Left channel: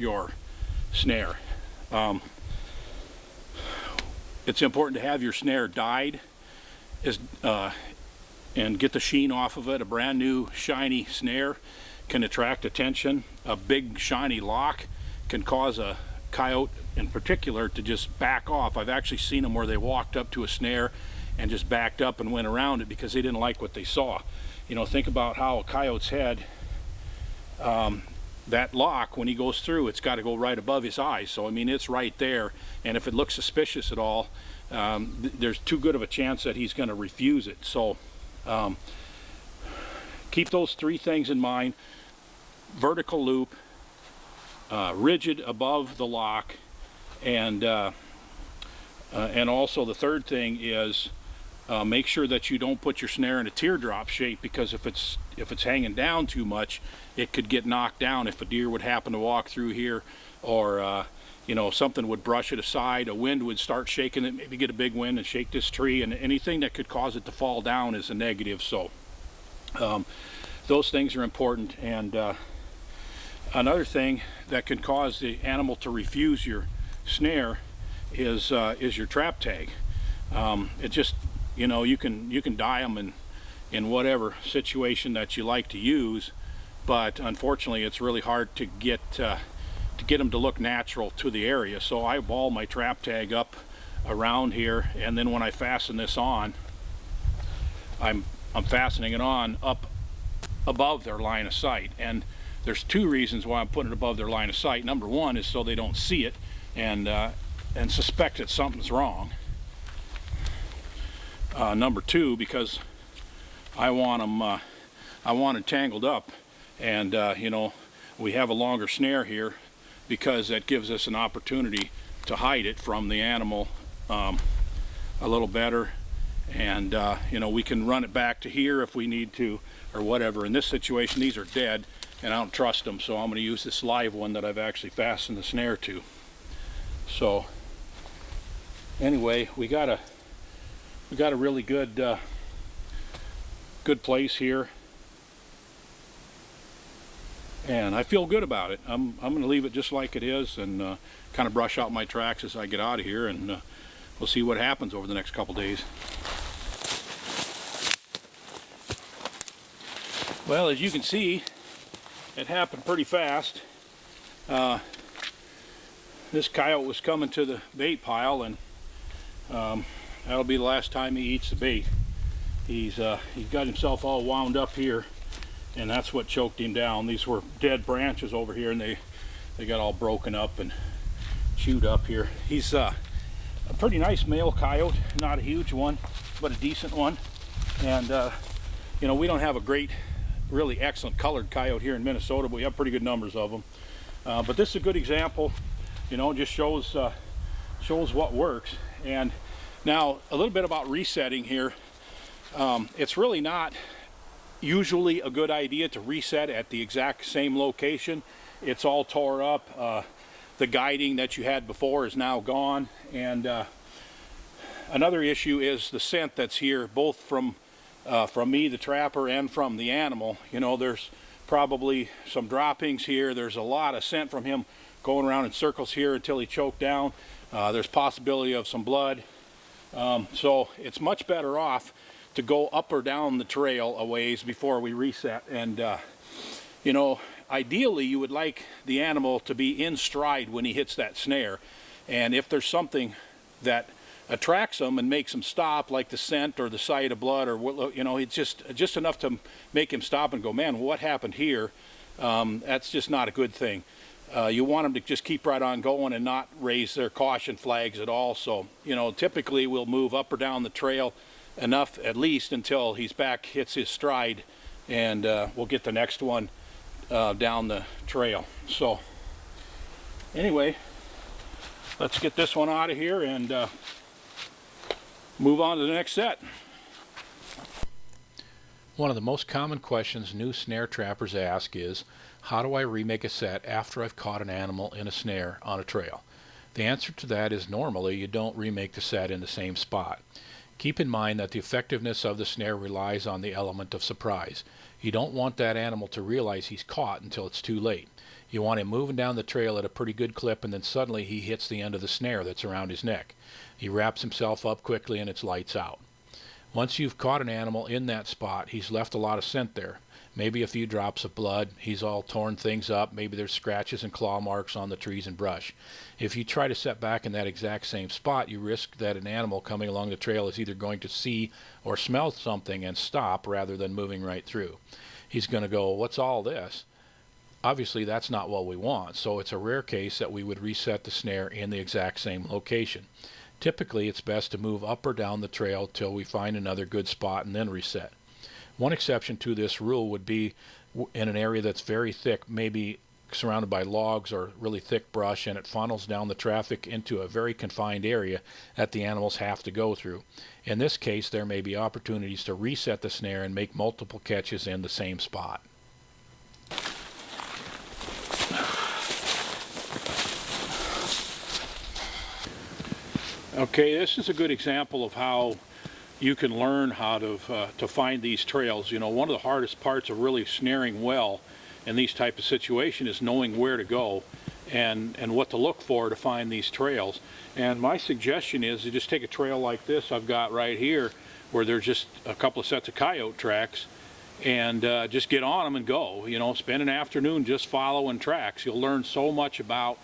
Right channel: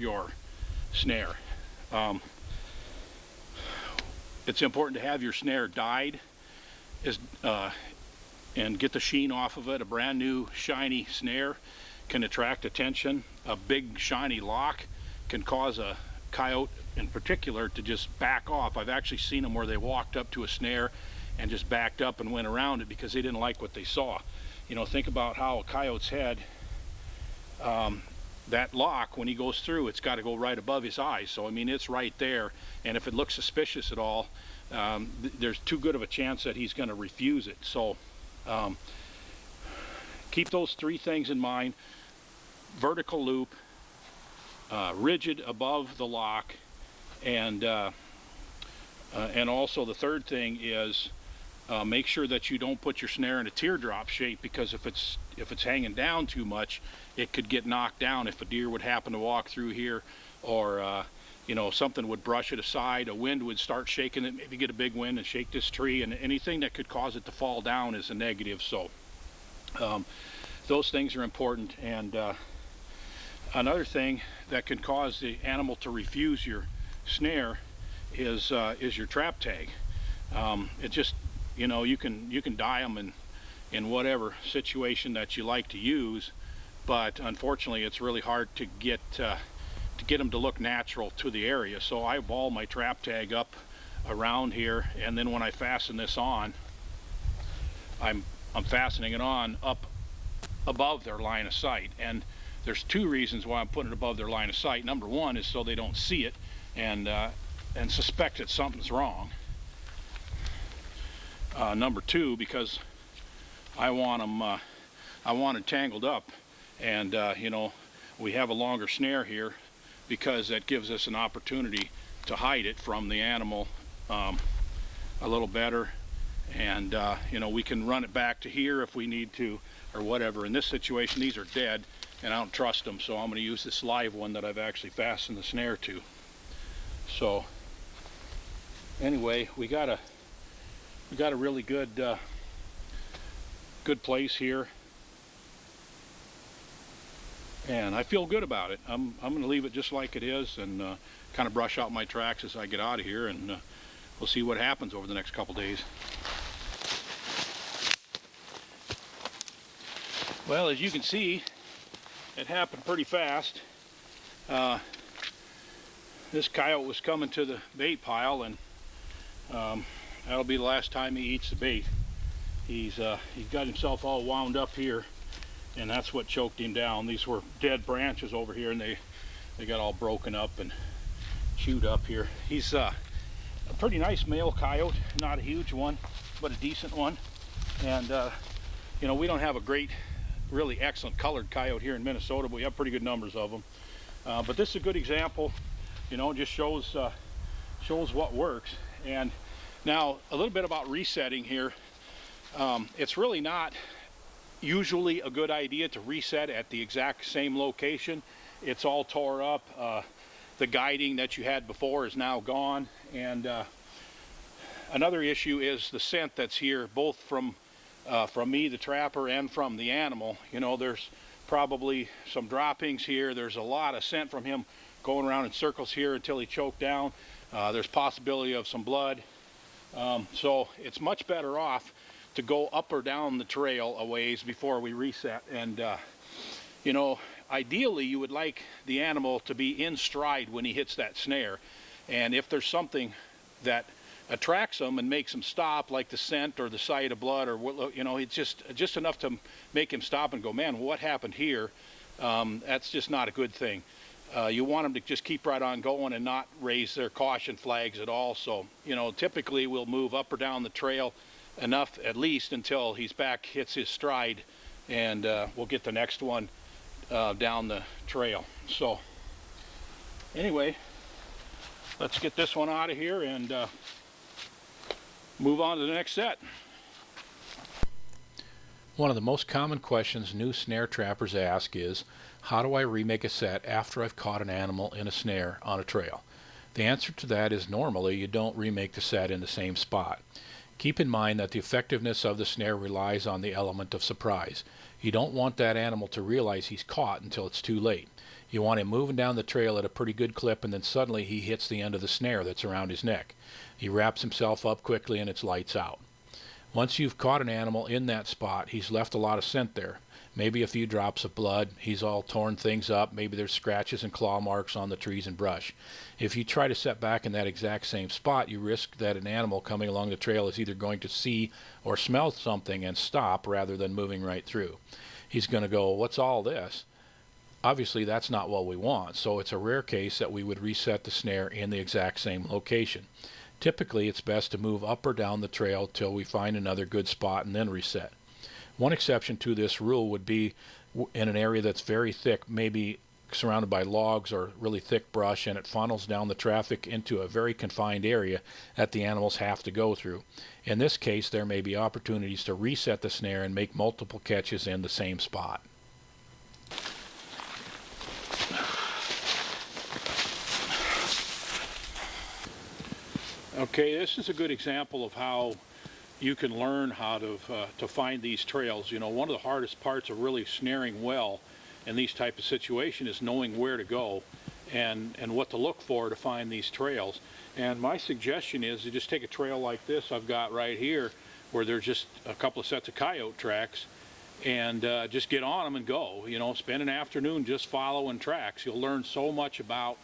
your snare. It's important to have your snare dyed and get the sheen off of it. A brand new shiny snare can attract attention. A big shiny lock can cause a coyote in particular to just back off. I've actually seen them where they walked up to a snare and just backed up and went around it because they didn't like what they saw. You know, think about how a coyote's head, that lock, when he goes through, it's got to go right above his eyes. So I mean, it's right there, and if it looks suspicious at all, there's too good of a chance that he's going to refuse it. So keep those three things in mind: vertical loop, rigid above the lock, and also the third thing is make sure that you don't put your snare in a teardrop shape, because if it's hanging down too much, it could get knocked down if a deer would happen to walk through here, or you know, something would brush it aside, a wind would start shaking it, maybe get a big wind and shake this tree, and anything that could cause it to fall down is a negative. So those things are important. And another thing that can cause the animal to refuse your snare is your trap tag. It just, you know, you can dye them in whatever situation that you like to use, but unfortunately it's really hard to get them to look natural to the area. So I ball my trap tag up around here, and then when I fasten this on, I'm fastening it on up above their line of sight. And there's two reasons why I'm putting it above their line of sight. Number one is so they don't see it and suspect that something's wrong. Number two, because I want it tangled up, and you know, we have a longer snare here because that gives us an opportunity to hide it from the animal a little better, and you know, we can run it back to here if we need to, or whatever. In this situation, these are dead and I don't trust them, so I'm going to use this live one that I've actually fastened the snare to. So anyway, we got a really good place here, and I feel good about it. I'm going to leave it just like it is, and kind of brush out my tracks as I get out of here, and we'll see what happens over the next couple days. Well, as you can see, it happened pretty fast. This coyote was coming to the bait pile, and that'll be the last time he eats the bait. He's got himself all wound up here, and that's what choked him down. These were dead branches over here, and they got all broken up and chewed up here. He's a pretty nice male coyote, not a huge one, but a decent one. And you know, we don't have a great, really excellent colored coyote here in Minnesota, but we have pretty good numbers of them. But this is a good example. You know, it just shows what works. And now a little bit about resetting here. It's really not usually a good idea to reset at the exact same location. It's all tore up. The guiding that you had before is now gone. And another issue is the scent that's here, both from me, the trapper, and from the animal. You know, there's probably some droppings here. There's a lot of scent from him going around in circles here until he choked down. There's possibility of some blood. So it's much better off to go up or down the trail a ways before we reset. And you know, ideally you would like the animal to be in stride when he hits that snare. And if there's something that attracts him and makes him stop, like the scent or the sight of blood, or you know, it's just enough to make him stop and go, man, what happened here? That's just not a good thing. You want them to just keep right on going and not raise their caution flags at all. So, you know, typically we'll move up or down the trail enough, at least until he's back, hits his stride, and we'll get the next one down the trail. So anyway, let's get this one out of here and move on to the next set. One of the most common questions new snare trappers ask is, how do I remake a set after I've caught an animal in a snare on a trail? The answer to that is normally you don't remake the set in the same spot. Keep in mind that the effectiveness of the snare relies on the element of surprise. You don't want that animal to realize he's caught until it's too late. You want him moving down the trail at a pretty good clip, and then suddenly he hits the end of the snare that's around his neck. He wraps himself up quickly and it's lights out. Once you've caught an animal in that spot, he's left a lot of scent there. Maybe a few drops of blood, he's all torn things up, maybe there's scratches and claw marks on the trees and brush. If you try to set back in that exact same spot, you risk that an animal coming along the trail is either going to see or smell something and stop rather than moving right through. He's going to go, "What's all this?" Obviously that's not what we want, so it's a rare case that we would reset the snare in the exact same location. Typically it's best to move up or down the trail till we find another good spot and then reset. One exception to this rule would be in an area that's very thick, maybe surrounded by logs or really thick brush, and it funnels down the traffic into a very confined area that the animals have to go through. In this case, there may be opportunities to reset the snare and make multiple catches in the same spot. Okay, this is a good example of how you can learn how to find these trails. You know, one of the hardest parts of really snaring well in these type of situations is knowing where to go and what to look for to find these trails. And my suggestion is to just take a trail like this I've got right here, where there's just a couple of sets of coyote tracks, and just get on them and go. You know, spend an afternoon just following tracks. You'll learn so much about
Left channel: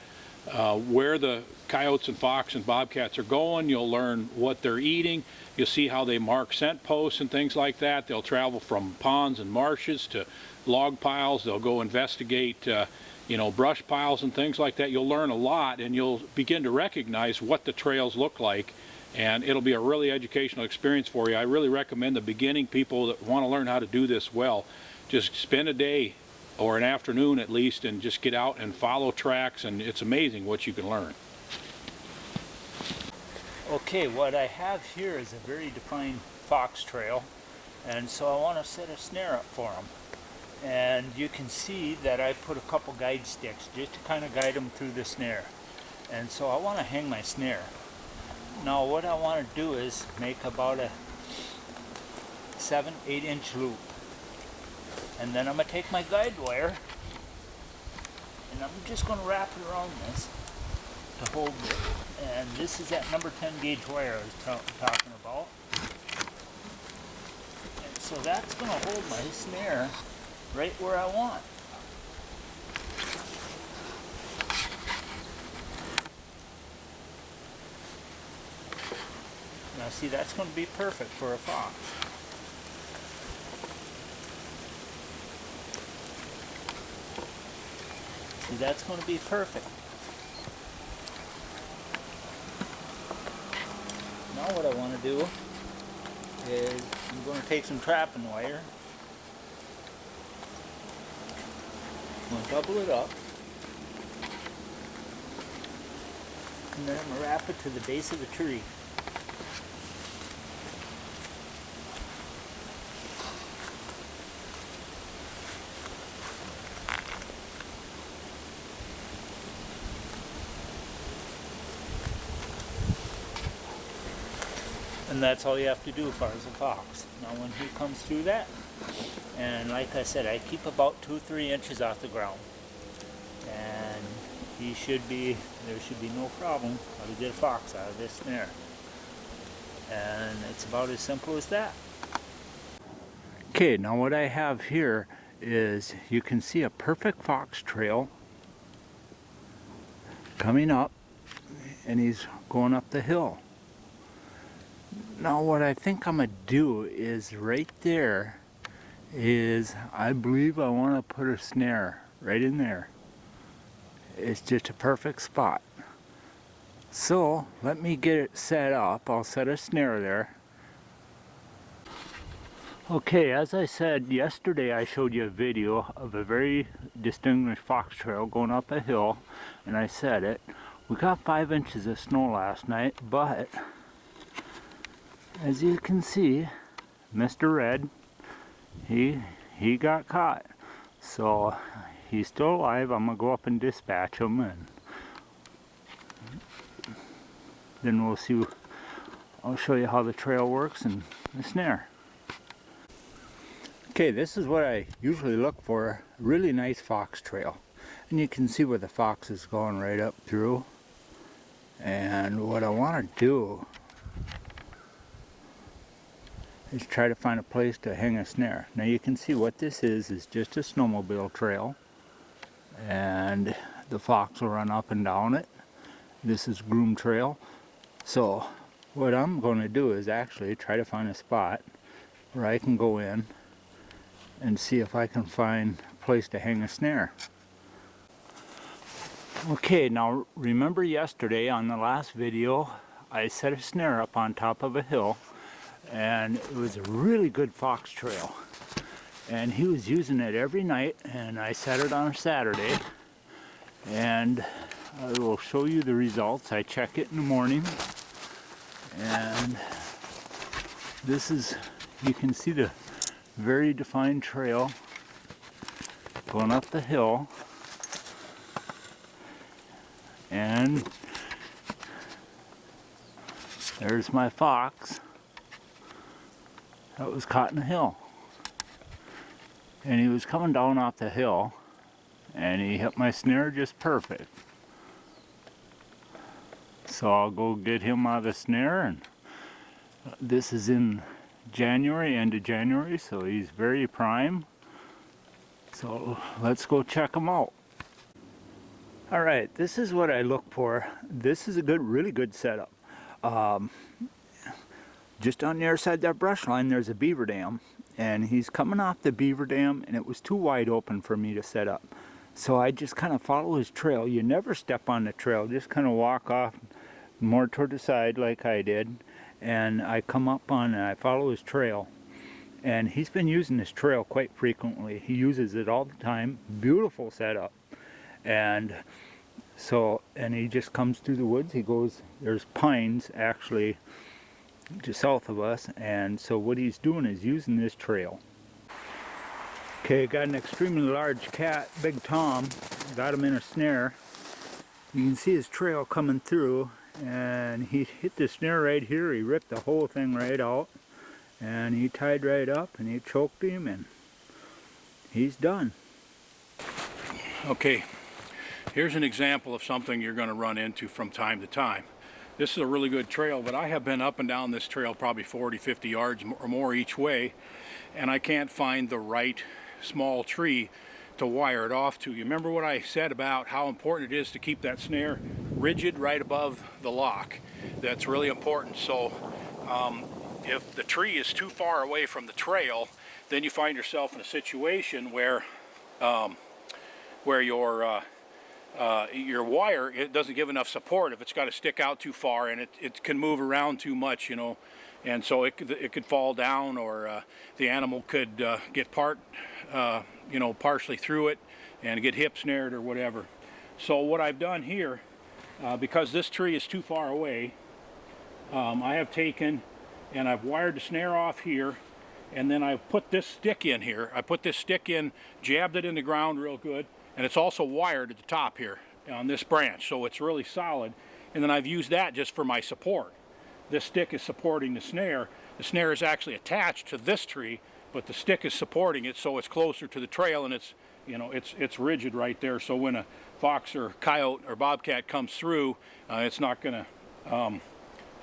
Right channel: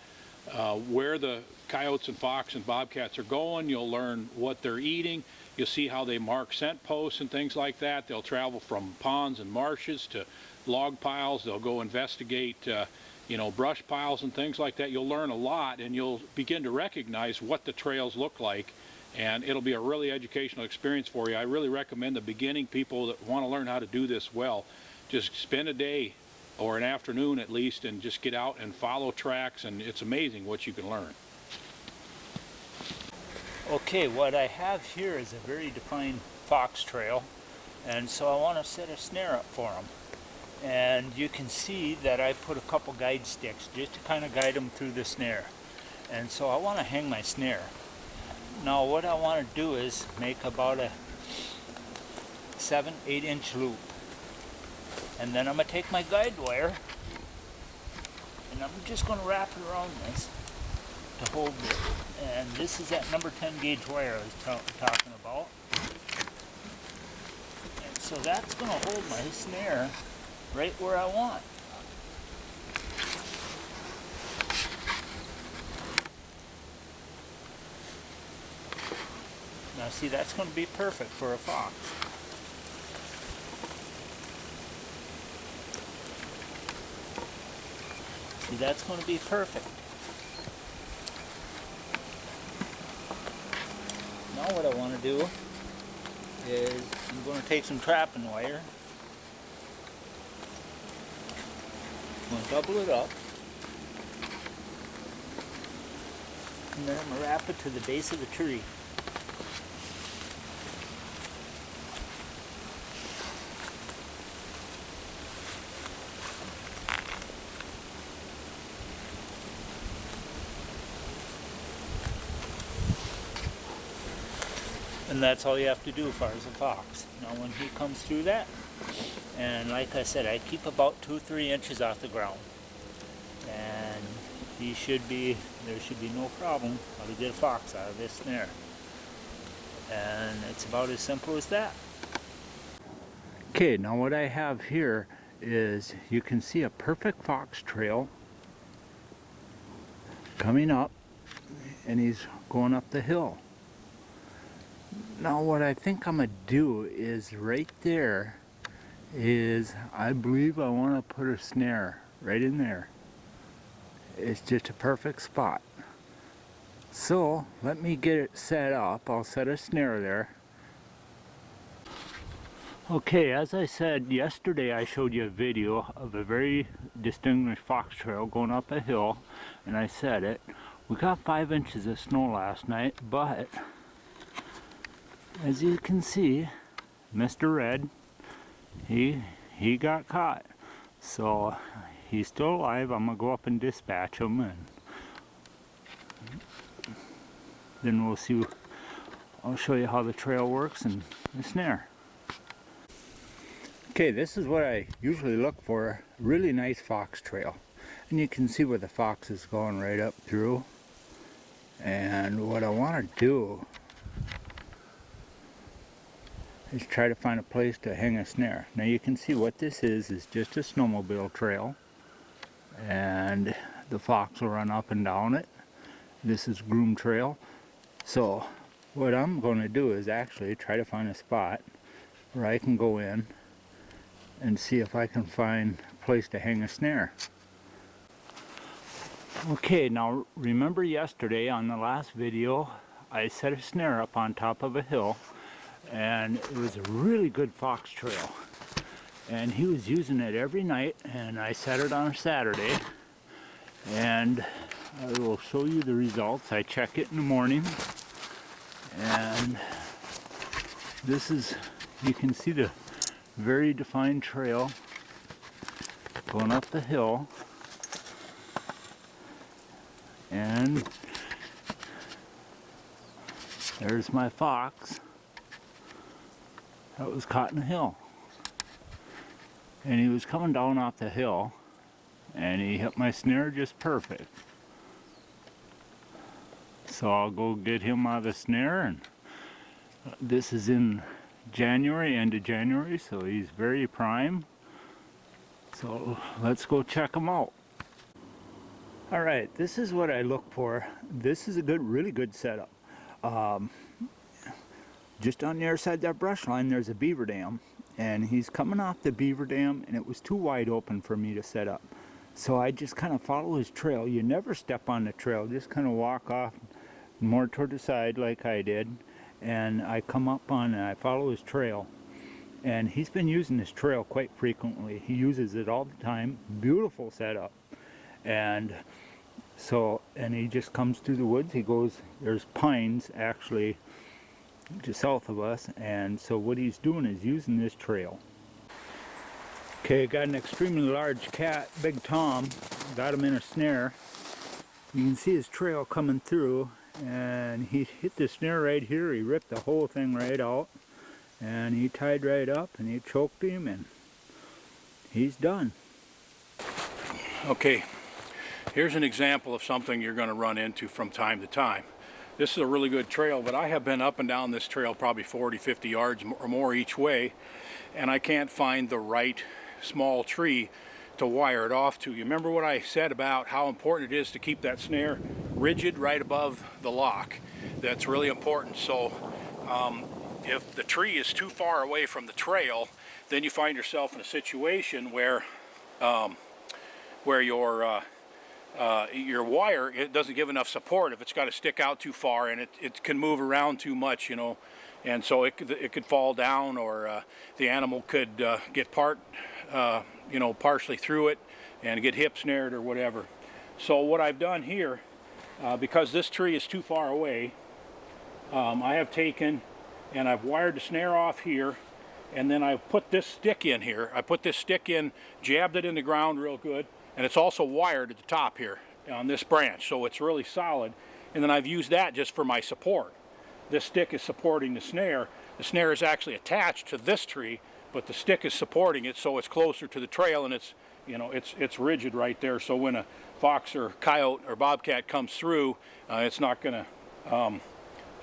where the coyotes and fox and bobcats are going. You'll learn what they're eating. You'll see how they mark scent posts and things like that. They'll travel from ponds and marshes to log piles. They'll go investigate you know, brush piles and things like that. You'll learn a lot, and you'll begin to recognize what the trails look like, and it'll be a really educational experience for you. I really recommend the beginning people that want to learn how to do this well, just spend a day or an afternoon at least and just get out and follow tracks, and it's amazing what you can learn. Okay, what I have here is a very defined fox trail, and so I want to set a snare up for them. And you can see that I put a couple guide sticks just to kind of guide them through the snare. And so I want to hang my snare. Now what I want to do is make about a 7-8 inch loop. And then I'm going to take my guide wire and I'm just going to wrap it around this to hold it. And this is that number 10 gauge wire I was talking about. And so that's going to hold my snare right where I want. Now see, that's going to be perfect for a fox. See, that's going to be perfect. Now what I want to do is I'm going to take some trapping wire. I'm going to double it up, and then I'm going to wrap it to the base of the tree. And that's all you have to do as far as a fox. Now when he comes through that, and like I said, I keep about 2-3 inches off the ground. And there should be no problem how to get a fox out of this snare. And it's about as simple as that. Okay, now what I have here is, you can see a perfect fox trail coming up, and he's going up the hill. Now what I think I'm going to do is right there is, I believe I want to put a snare right in there. It's just a perfect spot. So let me get it set up. I'll set a snare there. Okay, as I said yesterday, I showed you a video of a very distinguished fox trail going up a hill, and I said it. We got 5 inches of snow last night, but as you can see, Mr. Red, he got caught. So he's still alive. I'm gonna go up and dispatch him, and then we'll see. I'll show you how the trail works and the snare. Okay, this is what I usually look for, a really nice fox trail. And you can see where the fox is going right up through. And what I want to do is try to find a place to hang a snare. Now you can see what this is just a snowmobile trail. And the fox will run up and down it. This is groom trail. So what I'm going to do is actually try to find a spot where I can go in and see if I can find a place to hang a snare. Okay, now remember yesterday on the last video I set a snare up on top of a hill, and it was a really good fox trail, and he was using it every night, and I set it on a Saturday, and I will show you the results. I check it in the morning, and this is, you can see the very defined trail going up the hill. And there's my fox that was caught in a hill. And he was coming down off the hill, and he hit my snare just perfect. So I'll go get him out of the snare, and this is in January, end of January, so he's very prime. So let's go check him out. All right, this is what I look for. This is a good, really good setup. Just on the other side of that brush line, there's a beaver dam, and he's coming off the beaver dam, and it was too wide open for me to set up. So I just kind of follow his trail. You never step on the trail, just kind of walk off more toward the side like I did, and I come up on and I follow his trail. And he's been using this trail quite frequently. He uses it all the time. Beautiful setup. And so, and he just comes through the woods. He goes, there's pines actually just south of us, and so what he's doing is using this trail. Okay, got an extremely large cat, Big Tom. Got him in a snare. You can see his trail coming through, and he hit the snare right here. He ripped the whole thing right out, and he tied right up, and he choked him, and he's done. Okay, here's an example of something you're going to run into from time to time. This is a really good trail, but I have been up and down this trail probably 40, 50 yards or more each way, and I can't find the right small tree to wire it off to. You remember what I said about how important it is to keep that snare rigid right above the lock? That's really important. So if the tree is too far away from the trail, then you find yourself in a situation where your wire, it doesn't give enough support if it's got to stick out too far, and it can move around too much, you know, and so it could fall down, or the animal could get partially through it and get hip snared or whatever. So what I've done here, because this tree is too far away, I have taken and I've wired the snare off here, and then I've put this stick in here. I put this stick in, jabbed it in the ground real good, and it's also wired at the top here on this branch, so it's really solid. And then I've used that just for my support. This stick is supporting the snare. The snare is actually attached to this tree, but the stick is supporting it, so it's closer to the trail, and it's, you know, it's rigid right there. So when a fox or coyote or bobcat comes through, it's not going to,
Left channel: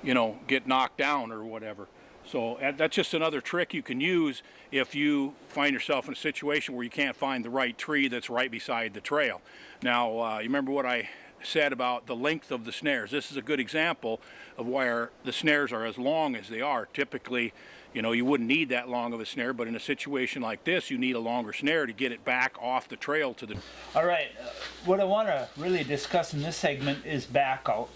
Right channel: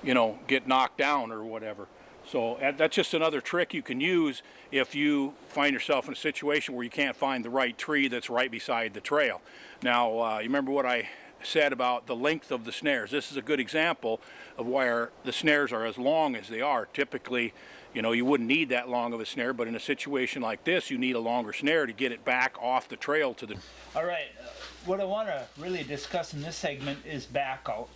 you know, get knocked down or whatever. So that's just another trick you can use if you find yourself in a situation where you can't find the right tree that's right beside the trail. Now, you remember what I said about the length of the snares. This is a good example of where the snares are as long as they are. Typically, you know, you wouldn't need that long of a snare, but in a situation like this, you need a longer snare to get it back off the trail to the... All right, what I want to really discuss in this segment is back out.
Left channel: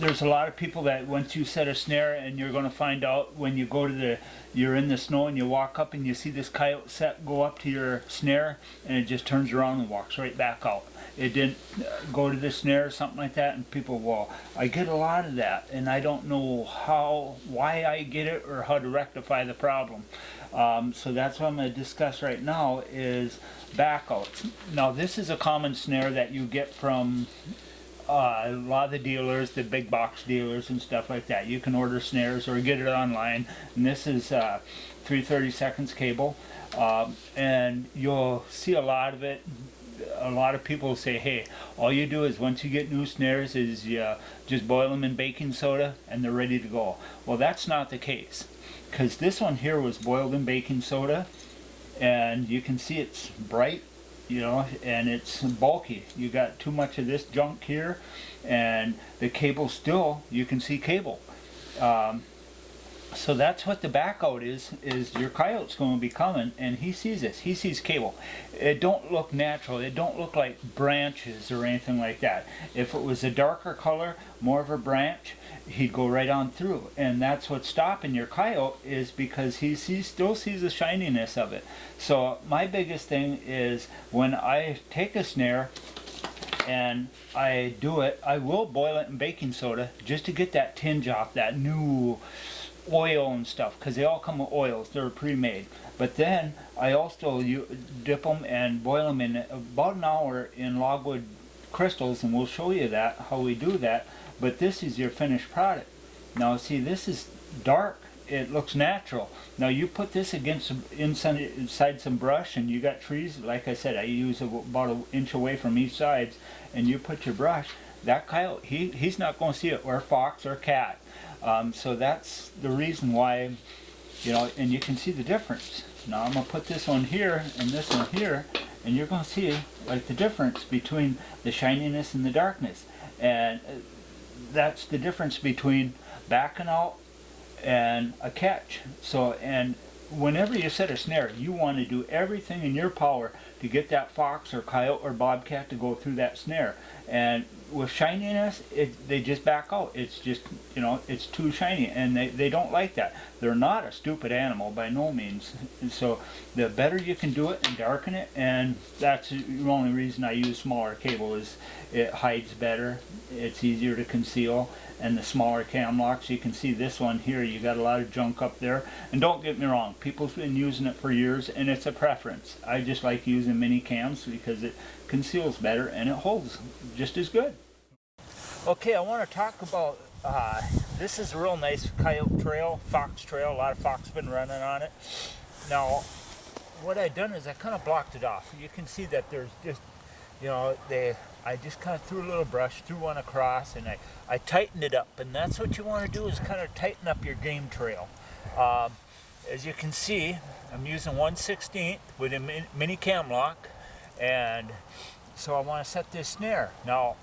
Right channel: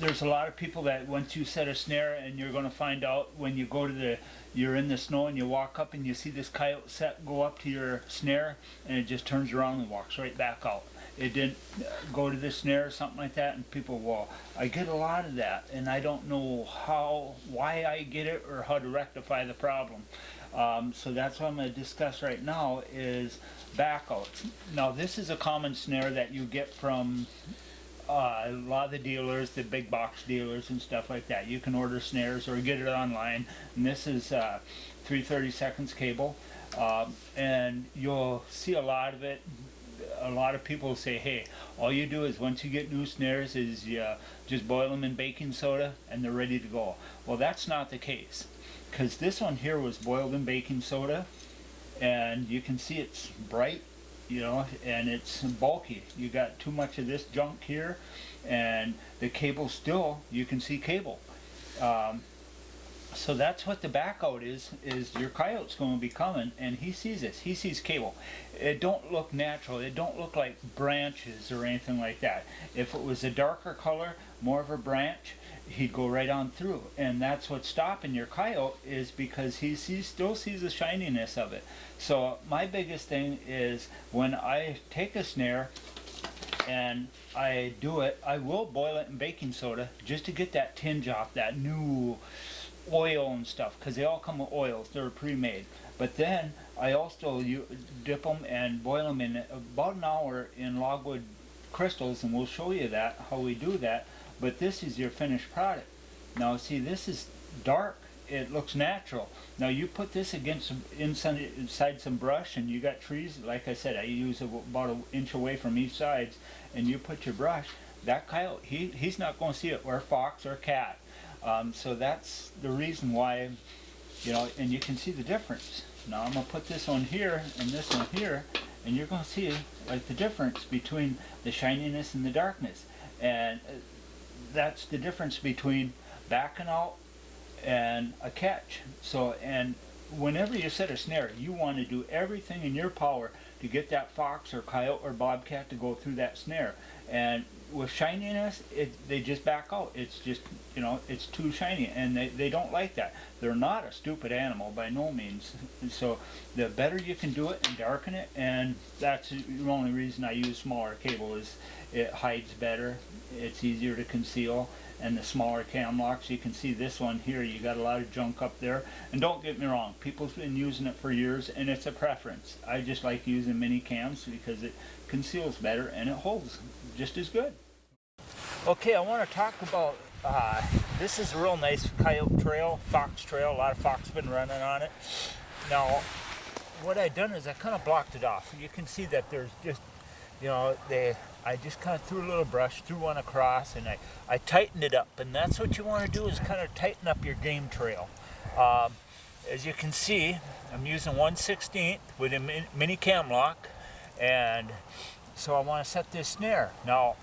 There's a lot of people that once you set a snare, and you're going to find out when you go to you're in the snow and you walk up and you see this coyote set go up to your snare, and it just turns around and walks right back out. It didn't go to the snare or something like that, and people, well, I get a lot of that, and I don't know why I get it or how to rectify the problem. So that's what I'm going to discuss right now is backouts. Now this is a common snare that you get from a lot of the dealers, the big box dealers and stuff like that. You can order snares or get it online, and this is 3/32 cable. And you'll see a lot of it. A lot of people say, hey, all you do is once you get new snares is you just boil them in baking soda and they're ready to go. Well, that's not the case, because this one here was boiled in baking soda, and you can see it's bright, you know, and it's bulky. You got too much of this junk here, and the cable still, you can see cable. So that's what the back out is your coyote's going to be coming, and he sees this. He sees cable. It don't look natural. It don't look like branches or anything like that. If it was a darker color, more of a branch, he'd go right on through. And that's what's stopping your coyote, is because he still sees the shininess of it. So my biggest thing is when I take a snare and I do it, I will boil it in baking soda just to get that tinge off, that new oil and stuff, because they all come with oils. They're pre-made. But then I also dip them and boil them in about an hour in logwood crystals, and we'll show you that, how we do that. But this is your finished product. Now see, this is dark. It looks natural. Now you put this against inside some brush, and you got trees. Like I said, I use about an inch away from each side, and you put your brush. That coyote, he's not going to see it, or fox or cat. So that's the reason why, you know, and you can see the difference. Now I'm going to put this one here and this one here, and you're going to see like the difference between the shininess and the darkness. And that's the difference between backing out and a catch. So, and whenever you set a snare, you want to do everything in your power to get that fox or coyote or bobcat to go through that snare. And with shininess, they just back out. It's just, you know, it's too shiny, and they don't like that. They're not a stupid animal by no means. And so the better you can do it and darken it, and that's the only reason I use smaller cable, is it hides better, it's easier to conceal, and the smaller cam locks, you can see this one here, you got a lot of junk up there. And don't get me wrong, people's been using it for years, and it's a preference. I just like using mini cams because it conceals better and it holds just as good. Okay, I want to talk about, this is a real nice coyote trail, fox trail. A lot of fox been running on it. Now, what I done is I kind of blocked it off. You can see that there's just, you know, I just kind of threw a little brush, threw one across, and I tightened it up. And that's what you want to do, is kind of tighten up your game trail. As you can see, I'm using 1/16 with a mini cam lock, and so I want to set this snare. Now,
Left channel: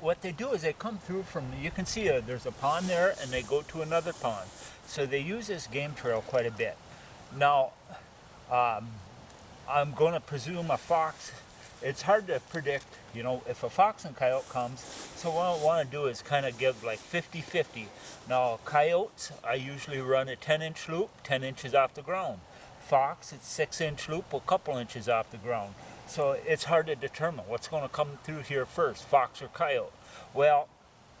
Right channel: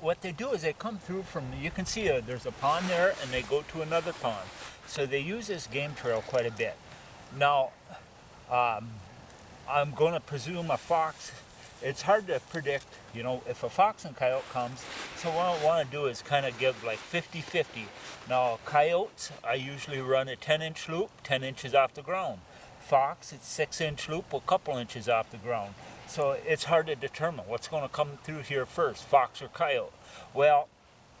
what they do is they come through from, you can see there's a pond there, and they go to another pond. So they use this game trail quite a bit. Now, I'm going to presume a fox, it's hard to predict, you know, if a fox and coyote comes. So what I want to do is kind of give like 50-50. Now, coyotes, I usually run a 10-inch loop, 10 inches off the ground. Fox, it's 6-inch loop, a couple inches off the ground. So it's hard to determine what's going to come through here first, fox or coyote. Well,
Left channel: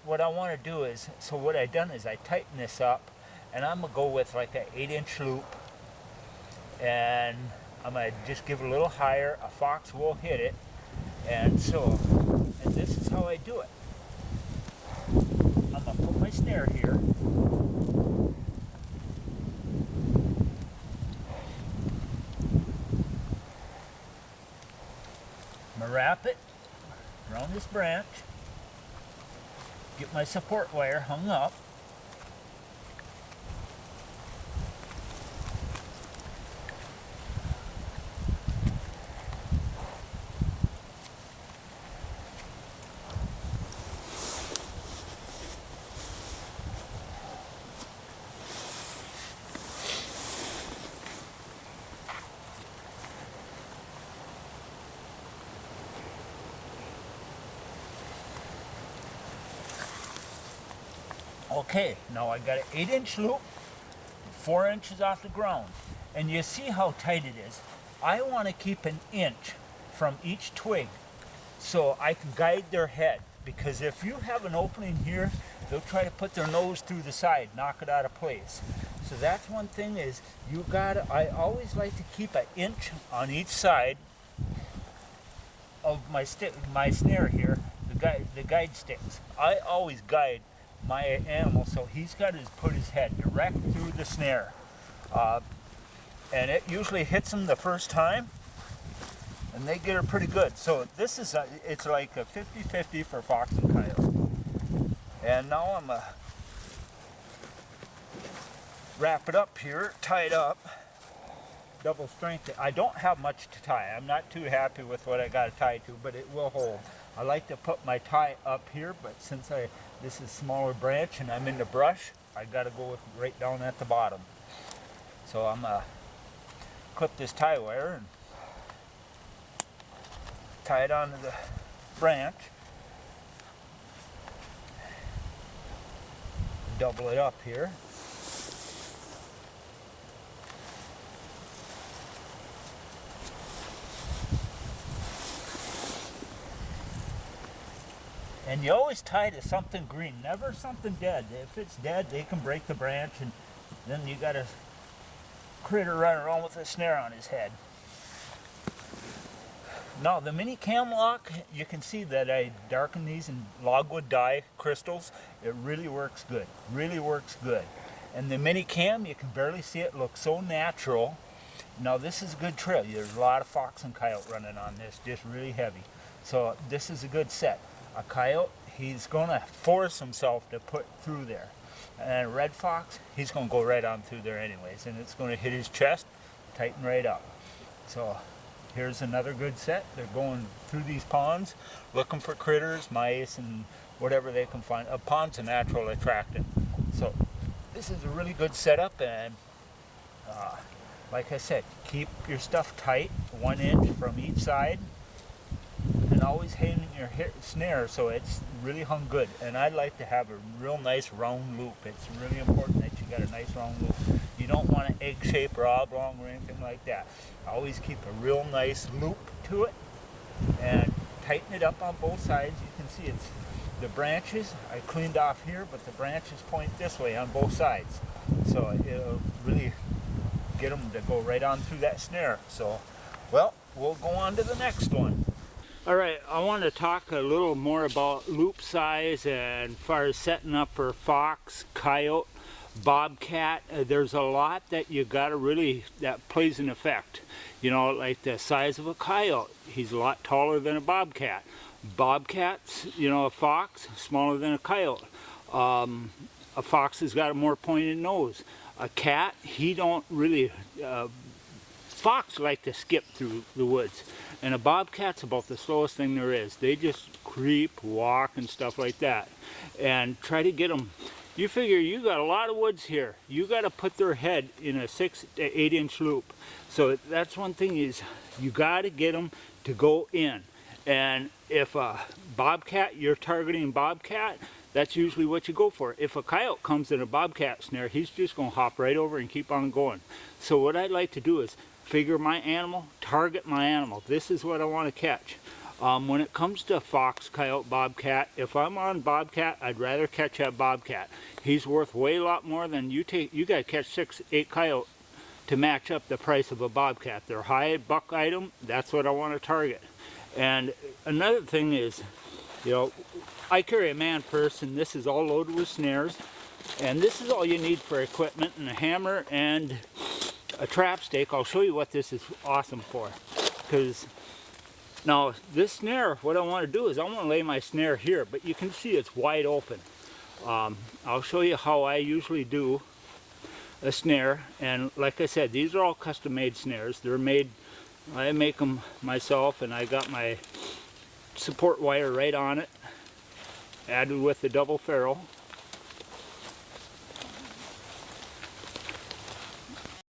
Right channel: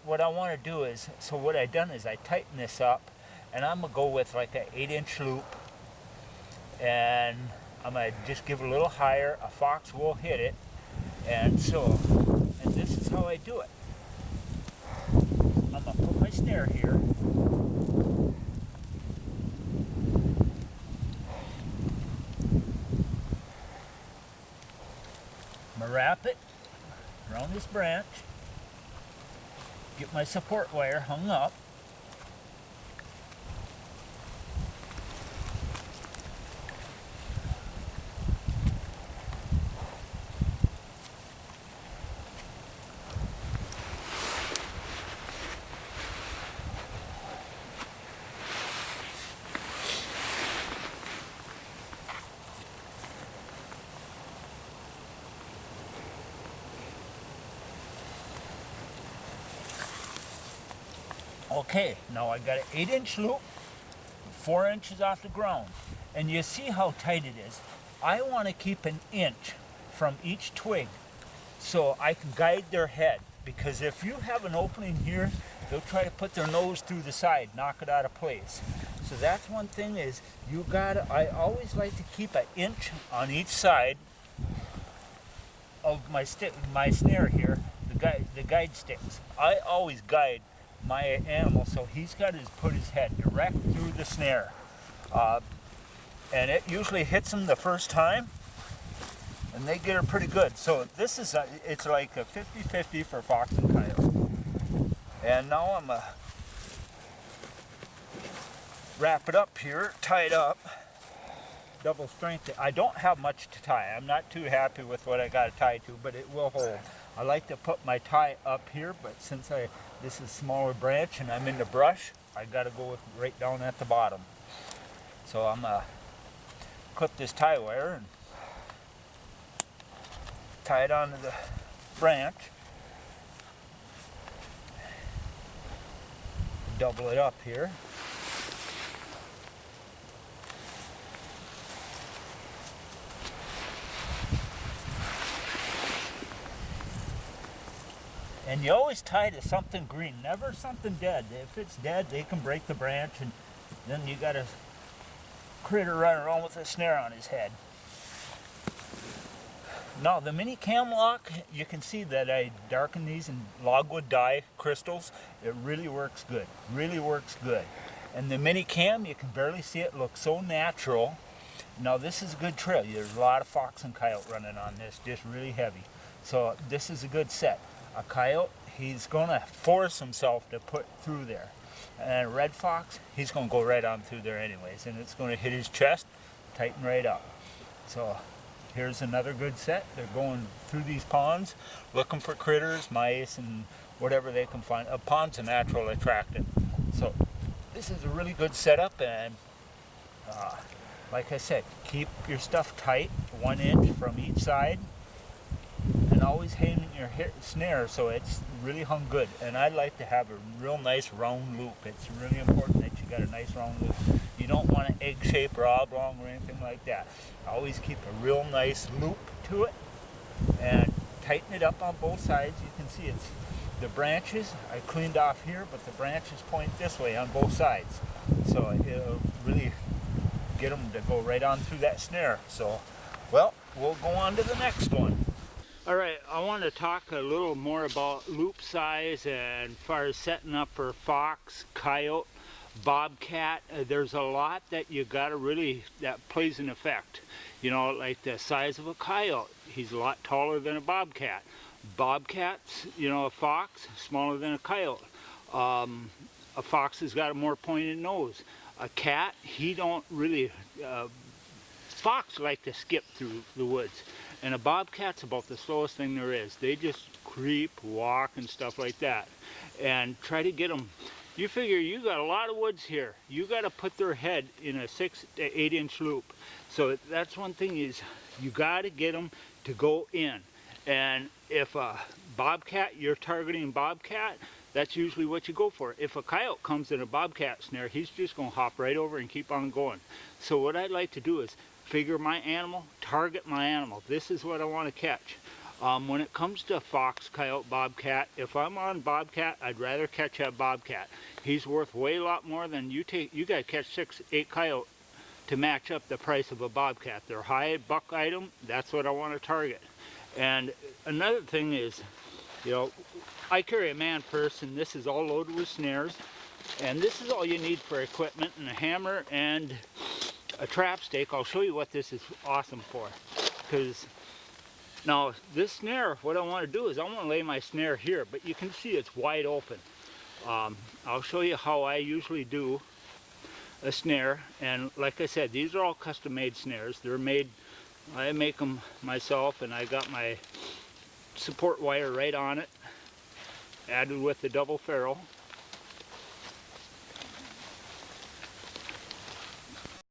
what I want to do is, so what I done is I tighten this up, and I'm going to go with like an 8-inch loop, and I'm going to just give it a little higher. A fox will hit it, and so, and this is how I do it. I'm going to put my snare here. I'm going to wrap it around this branch, get my support wire hung up, Okay, now I got an 8-inch loop, 4 inches off the ground, and you see how tight it is. I want to keep an inch from each twig so I can guide their head, because if you have an opening here, they'll try to put their nose through the side, knock it out of place. So that's one thing, is you gotta, I always like to keep an inch on each side of my snare here, the guide sticks. I always guide my animal, so he's got to put his head direct through the snare. and it usually hits them the first time, and they get her pretty good. So this is it's like a 50-50 for fox and coyote. And now I'm wrap it up here, tie it up, double strength. I don't have much to tie. I'm not too happy with what I got to tie to, but it will hold. I like to put my tie up here, but since this is smaller branch and I'm in the brush, I got to go with right down at the bottom. So I'm gonna clip this tie wire and tie it onto the branch. Double it up here. And you always tie to something green, never something dead. If it's dead, they can break the branch, and then you got a critter running around with a snare on his head. Now the mini cam lock, you can see that I darken these in logwood dye crystals. It really works good, really works good. And the mini cam, you can barely see it, looks so natural. Now this is a good trail. There's a lot of fox and coyote running on this, just really heavy. So this is a good set. A coyote, he's gonna force himself to put through there. And a red fox, he's gonna go right on through there anyways, and it's gonna hit his chest, tighten right up. So here's another good set. They're going through these ponds, looking for critters, mice, and whatever they can find. A pond's a natural attractant. So this is a really good setup, and like I said, keep your stuff tight, 1 inch from each side, and always hang your snare so it's really hung good. And I like to have a real nice round loop. It's really important that you got a nice round loop. You don't want an egg shape or oblong or anything like that. Always keep a real nice loop to it and tighten it up on both sides. You can see it's the branches I cleaned off here, but the branches point this way on both sides. So it'll really get them to go right on through that snare. So, well, we'll go on to the next one. All right, I want to talk a little more about loop size and as far as setting up for fox, coyote, bobcat. There's a lot that you got to really, that plays an effect. You know, like the size of a coyote, he's a lot taller than a bobcat. Bobcats, you know, a fox, smaller than a coyote. A fox has got a more pointed nose. A cat, he don't really, fox like to skip through the woods. And a bobcat's about the slowest thing there is. They just creep, walk, and stuff like that. And try to get them. You figure you got a lot of woods here. You got to put their head in a 6 to 8 inch loop. So that's one thing is you got to get them to go in. And if a bobcat, you're targeting bobcat, that's usually what you go for. If a coyote comes in a bobcat snare, he's just going to hop right over and keep on going. So what I like to do is figure my animal, target my animal. This is what I want to catch. When it comes to fox, coyote, bobcat, if I'm on bobcat, I'd rather catch that bobcat. He's worth way a lot more than you take. You got to catch 6, 8 coyote to match up the price of a bobcat. They're high buck item. That's what I want to target. And another thing is, you know, I carry a man purse, and this is all loaded with snares. And this is all you need for equipment, and a hammer and a trap stake. I'll show you what this is awesome for. Because now this snare, what I want to do is I want to lay my snare here, but you can see it's wide open. I'll show you how I usually do a snare. And like I said, these are all custom made snares. They're made, I make them myself, and I got my support wire right on it, added with the double ferrule.